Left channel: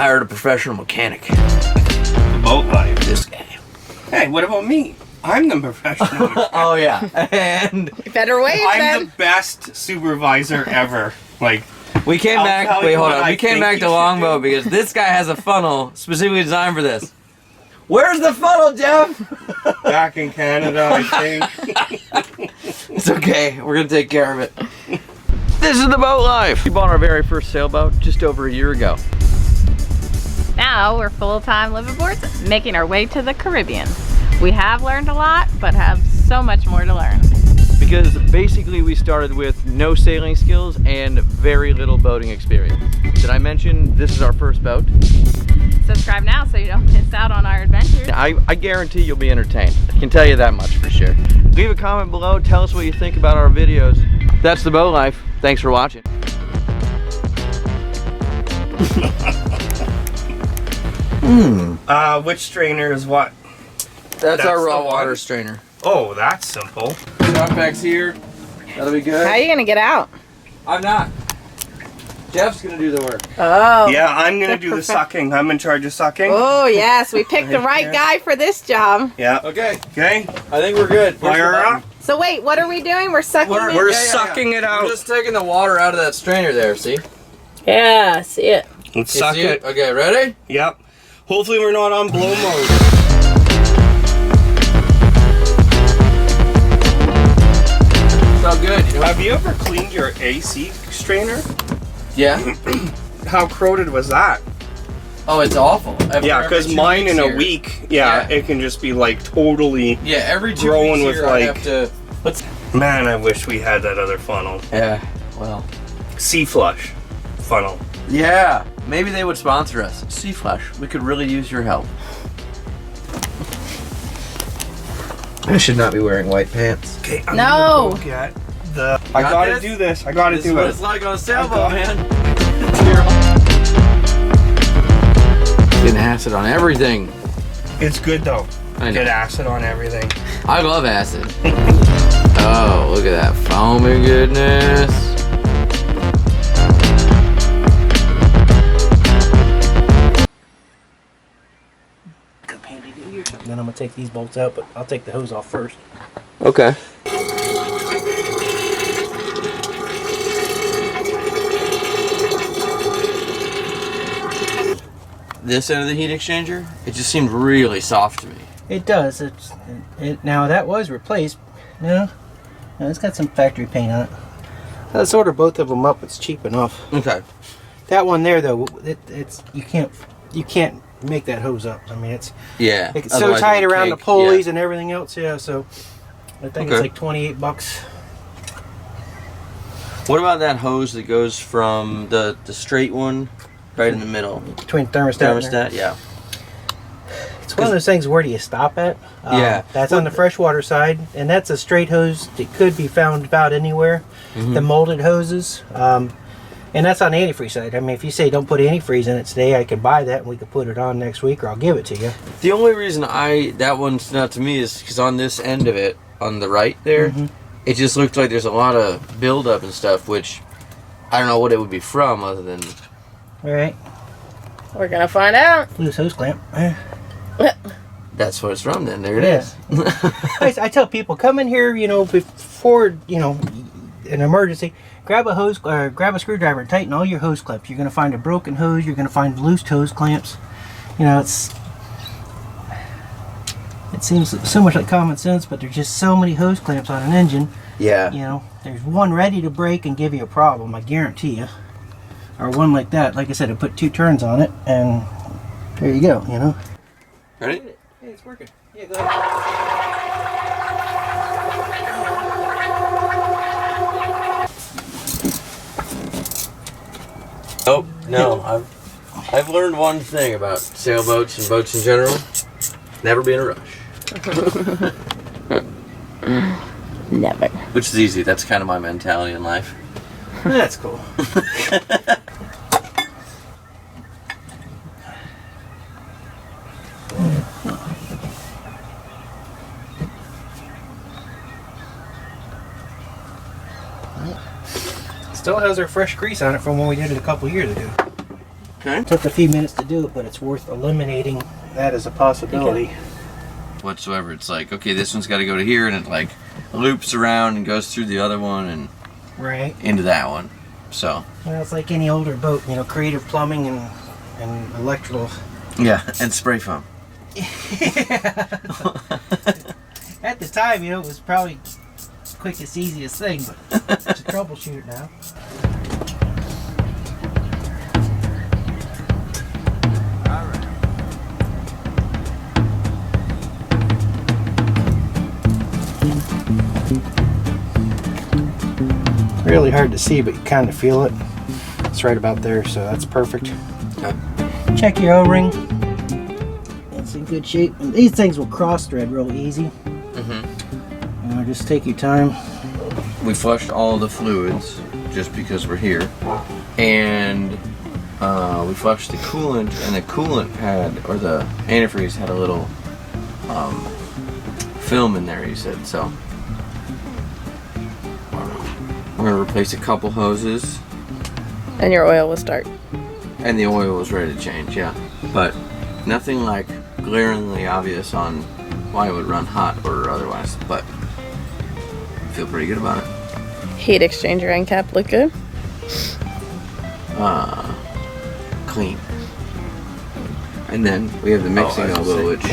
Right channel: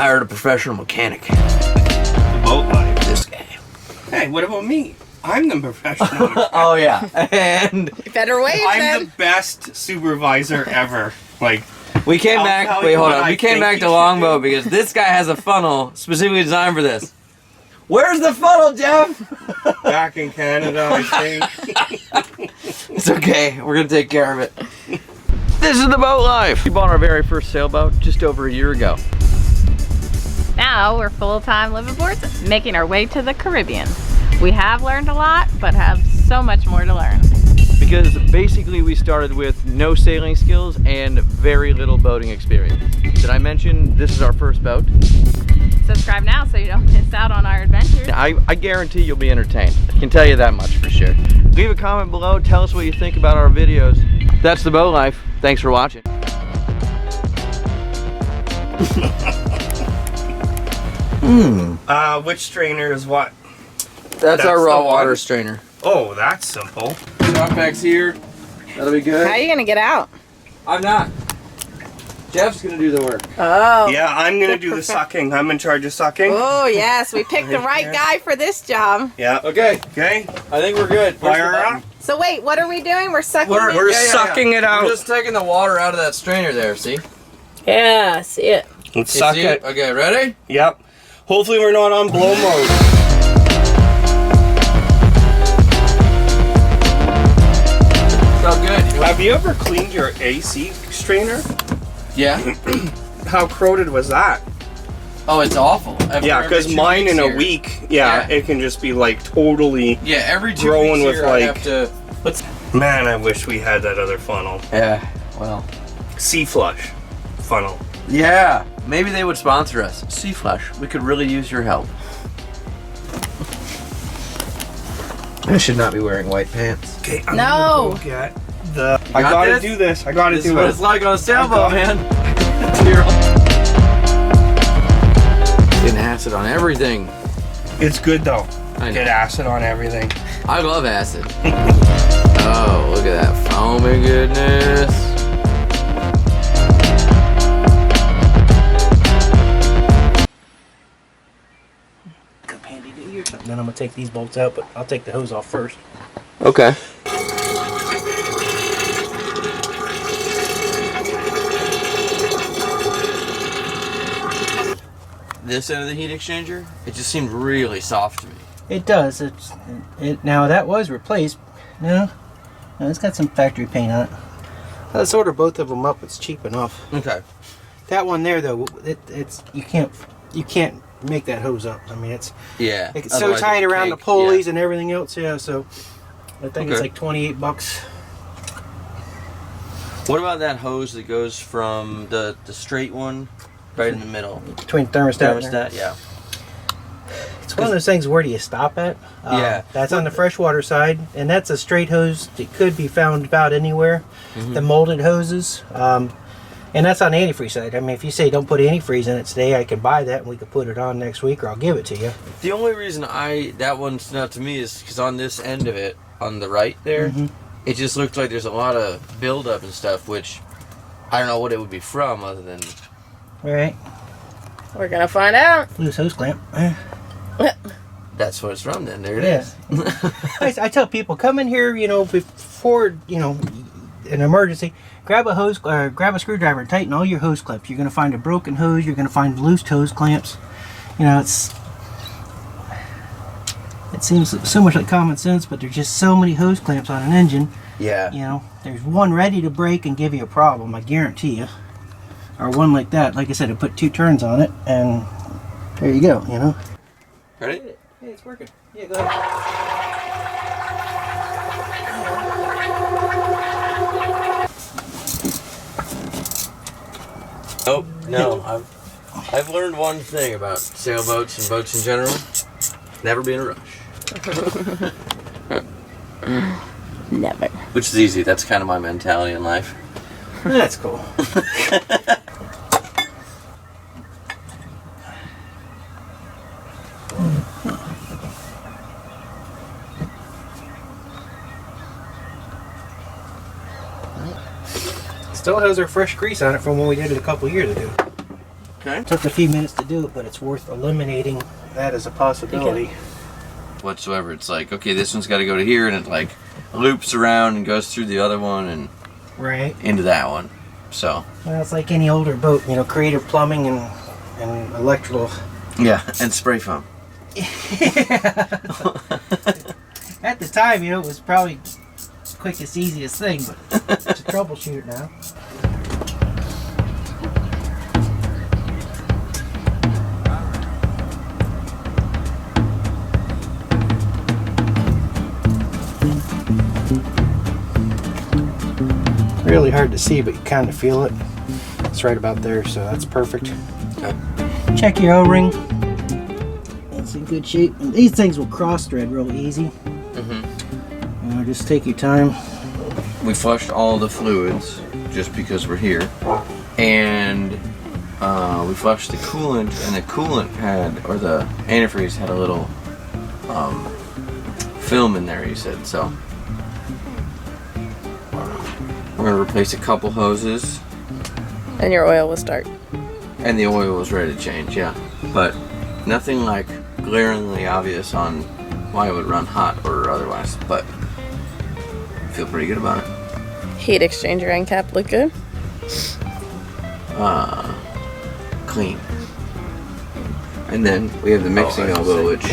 hired a professional mechanic. The boat life. This guy. Hey, what about me? I'm the professional mechanic. Oh yeah, and I'm the best supervisor ever. Like, we came I'll back. tell Wait, you hold what on. I We came think back you to should Longboat do. because this guy has a funnel specifically designed for this. Where's the funnel, Jeff? back in Canada, I think. It's okay. We're gonna take care of it. This is the boat life. We bought our very first sailboat just over a year ago. Now we're full-time liveaboards making our way to the Caribbean. We have learned a lot, but have so much more to learn. Because basically we started with no sailing skills and very little boating experience. Did I mention this is our first boat? Subscribe now so you don't miss out on our adventures. I guarantee you'll be entertained. I can tell you that much for sure. Leave a comment below, tell us what you think about our videos. That's the boat life. Thanks for watching. Which strainer is what? That's our the raw one. water strainer. Oh, that's simple. Knockback's here. That'll be good. How are you gonna get out? I'm not. Jeff's gonna do the work. Oh. Yeah, I'm gonna do the sucking. I'm in charge of sucking. Oh yes, we picked the right guy for this job. Yeah. Okay, Okay. I think we're good. Fire up. So wait, what are we doing? We're sucking. We're sucking it out. We're just taking the water out of that strainer there, see? Yeah, see it. Let's You suck see it. Okay, ready? Yep. Hopefully we're not on blow mode. So good. Have you ever cleaned your AC strainer? Yeah. How corroded was that? Oh, it's awful. Yeah, because mine in a week, it can just be like totally. Yeah, every 2 Growing weeks with, here I like- have to. Man, I wish we had that other funnel. Yeah. Well. Sea flush funnel. Yeah. Maybe they would sponsor us. Sea Flush. We could really use your help. I should not be wearing white pants. Okay. No. Get the. I gotta this? do this. I gotta This is do what it. it's like on a sailboat, got man. Get acid on everything. It's good though. I know. Get acid on everything. I love acid. Oh, look at that foam, goodness. Cup handy to you or something. Then I'm gonna take these bolts out, but I'll take the hose off first. Okay. This end of the heat exchanger, it just seemed really soft to me. It does. Now that was replaced. No, it's got some factory paint on it. Let's order both of them up. It's cheap enough. Okay. That one there though, it's you can't make that hose up. I mean it's Yeah. so otherwise tight it would around the cake. pulleys and everything else. Yeah, so I think it's Okay. like $28. What about that hose that goes from the straight one right in the middle? Between thermostat. and there. Thermostat, yeah. It's one of those things. Where do you stop at? Yeah. That's on the freshwater side, and that's a straight hose. It could be found about anywhere. Mm-hmm. The molded hoses, and that's on the antifreeze side. I mean, if you say don't put antifreeze in it today, I can buy that and we could put it on next week, or I'll give it to you. The only reason that one stood out to me is because on this end of it, on the right there, Mm-hmm. it just looked like there's a lot of buildup and stuff, which I don't know what it would be from other than. All right, We're gonna find out. loose hose clamp. That's what it's from then. There it Yeah. is. I tell people, come in here, before, an emergency, grab a hose, grab a screwdriver and tighten all your hose clamps. You're going to find a broken hose. You're going to find loose hose clamps. It seems so much like common sense, but there's just so many hose clamps on an engine. Yeah. There's one ready to break and give you a problem, I guarantee you. Or one like that. Like I said, I put 2 turns on it, and there you go, Ready? Hey, it's working. Yeah, go ahead. Oh, no. I've learned one thing about sailboats and boats in general. Never be in a rush. Never. Which is easy. That's kind of my mentality in life. That's cool. Still has our fresh grease on it from when we did it a couple years ago. Okay. Took a few minutes to do it, but it's worth eliminating that as a possibility. Whatsoever. It's like, okay, this one's got to go to here, and it like loops around and goes through the other one and Right. into that one. So. Well, it's like any older boat, you know, creative plumbing and electrical. Yeah, and spray foam. At the time, you know, it was probably the quickest, easiest thing, but it's a troubleshoot now. Really hard to see, but you kind of feel it. It's right about there, so that's perfect. Okay. Check your O-ring. It's in good shape. And these things will cross thread real easy. Just take your time. We flushed all the fluids just because we're here, and we flushed the coolant, and the coolant had, or the antifreeze had a little film in there, he said. So we're gonna replace a couple hoses. And your oil was dark. And the oil was ready to change, yeah. But nothing like glaringly obvious on why it would run hot or otherwise, but I feel pretty good about it. Heat exchanger and cap look good. Clean. And then we have the mixing elbow, which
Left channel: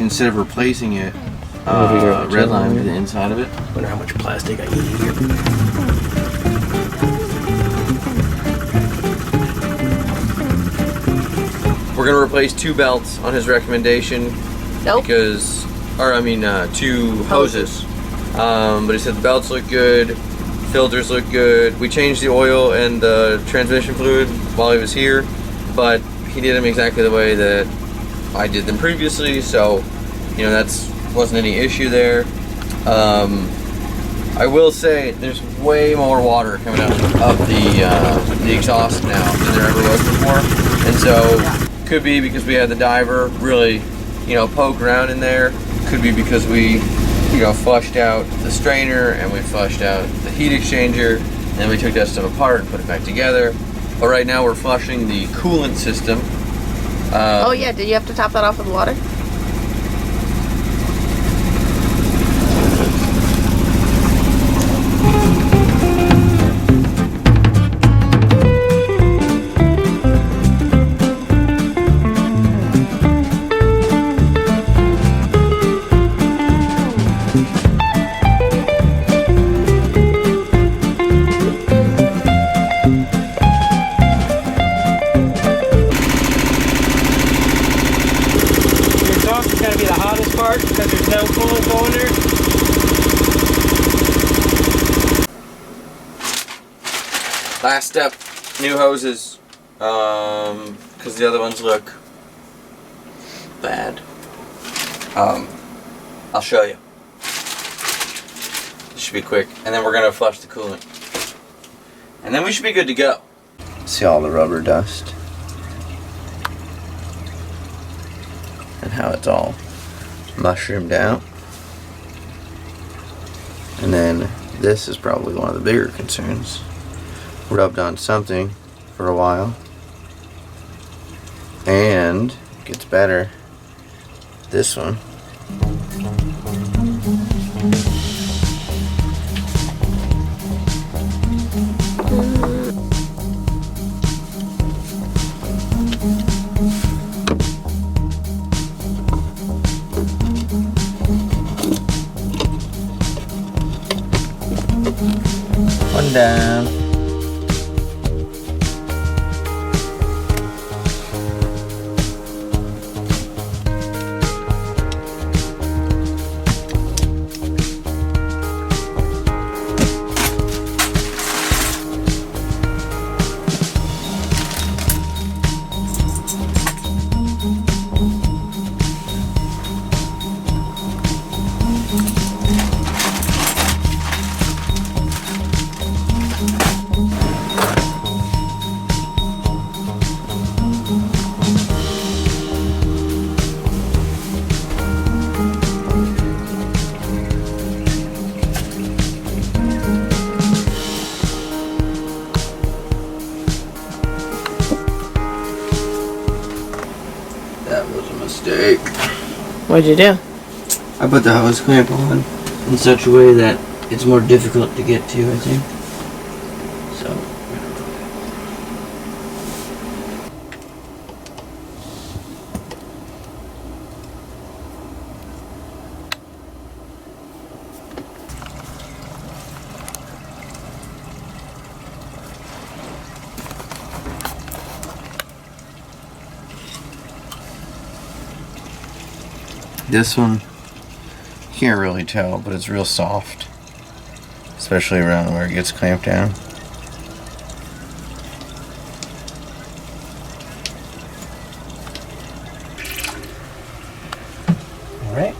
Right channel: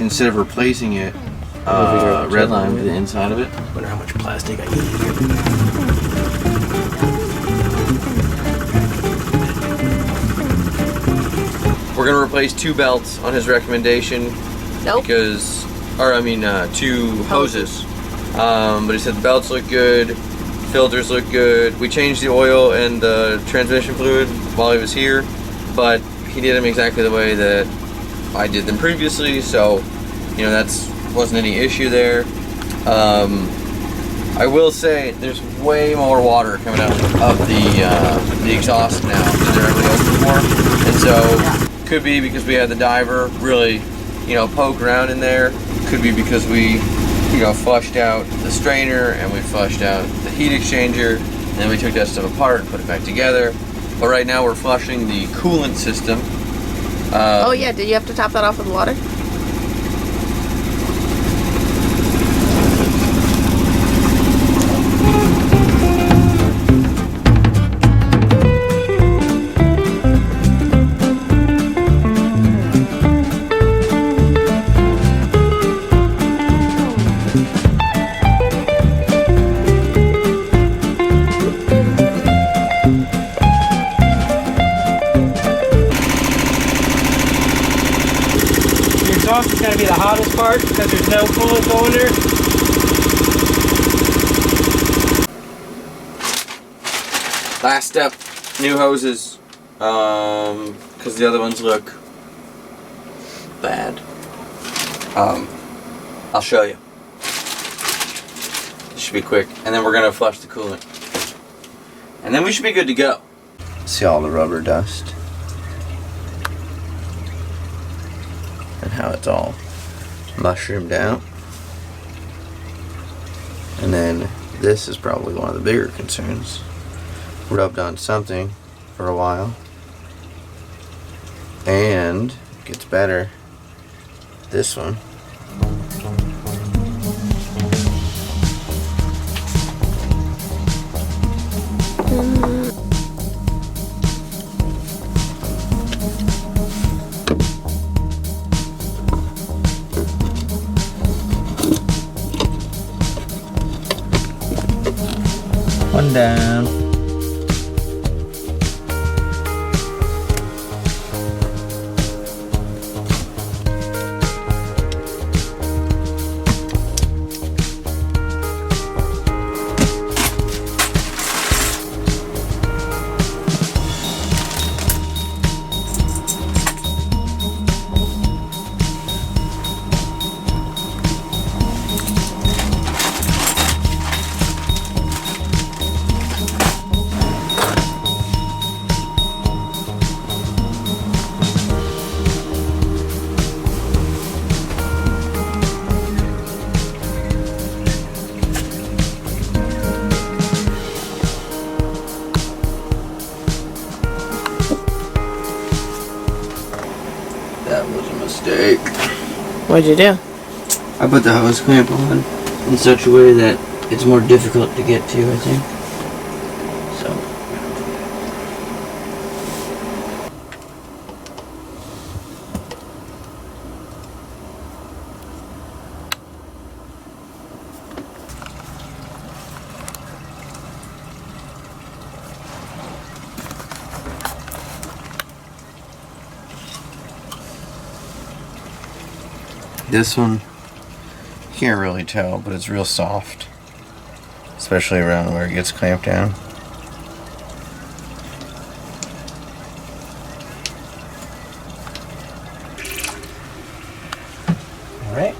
instead of replacing it, redlined the inside of it. I wonder how much plastic I need here. We're gonna replace 2 belts on his recommendation because, or I mean 2 hoses. But he said the belts look good, filters look good. We changed the oil and the transmission fluid while he was here, but he did them exactly the way that I did them previously, so you know wasn't any issue there. I will say there's way more water coming out of the exhaust now than there ever was before, and so could be because we had the diver really, you know, poke around in there. Could be because we, you know, flushed out the strainer and we flushed out the heat exchanger, and then we took that stuff apart and put it back together. But right now we're flushing the coolant system. Oh yeah, did you have to top that off with water? It's going to be the hottest part because there's no coolant going there. Last step, new hoses, because the other ones look bad. I'll show you. It should be quick, and then we're gonna flush the coolant, and then we should be good to go. See all the rubber dust and how it's all mushroomed out. And then this is probably one of the bigger concerns. Rubbed on something for a while, and gets better. This one. One down. mistake. What'd you do? I put the hose clamp on in such a way that it's more difficult to get to, I think. So. This one, you can't really tell, but it's real soft, especially around where it gets clamped down. All right.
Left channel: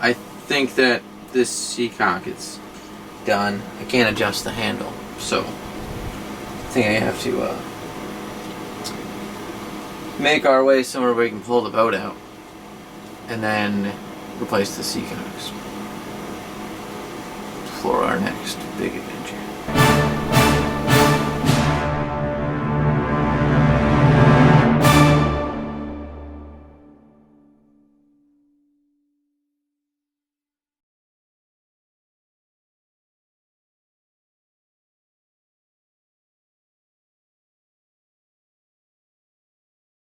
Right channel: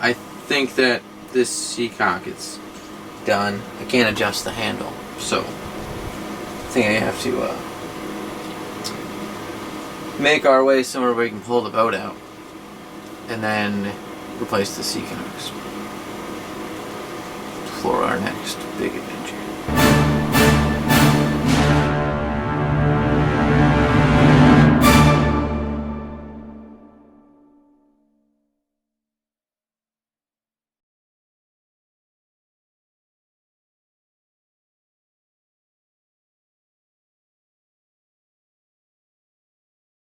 I think that this seacock is done. I can't adjust the handle, so I think I have to make our way somewhere where we can pull the boat out and then replace the seacocks for our next big adventure.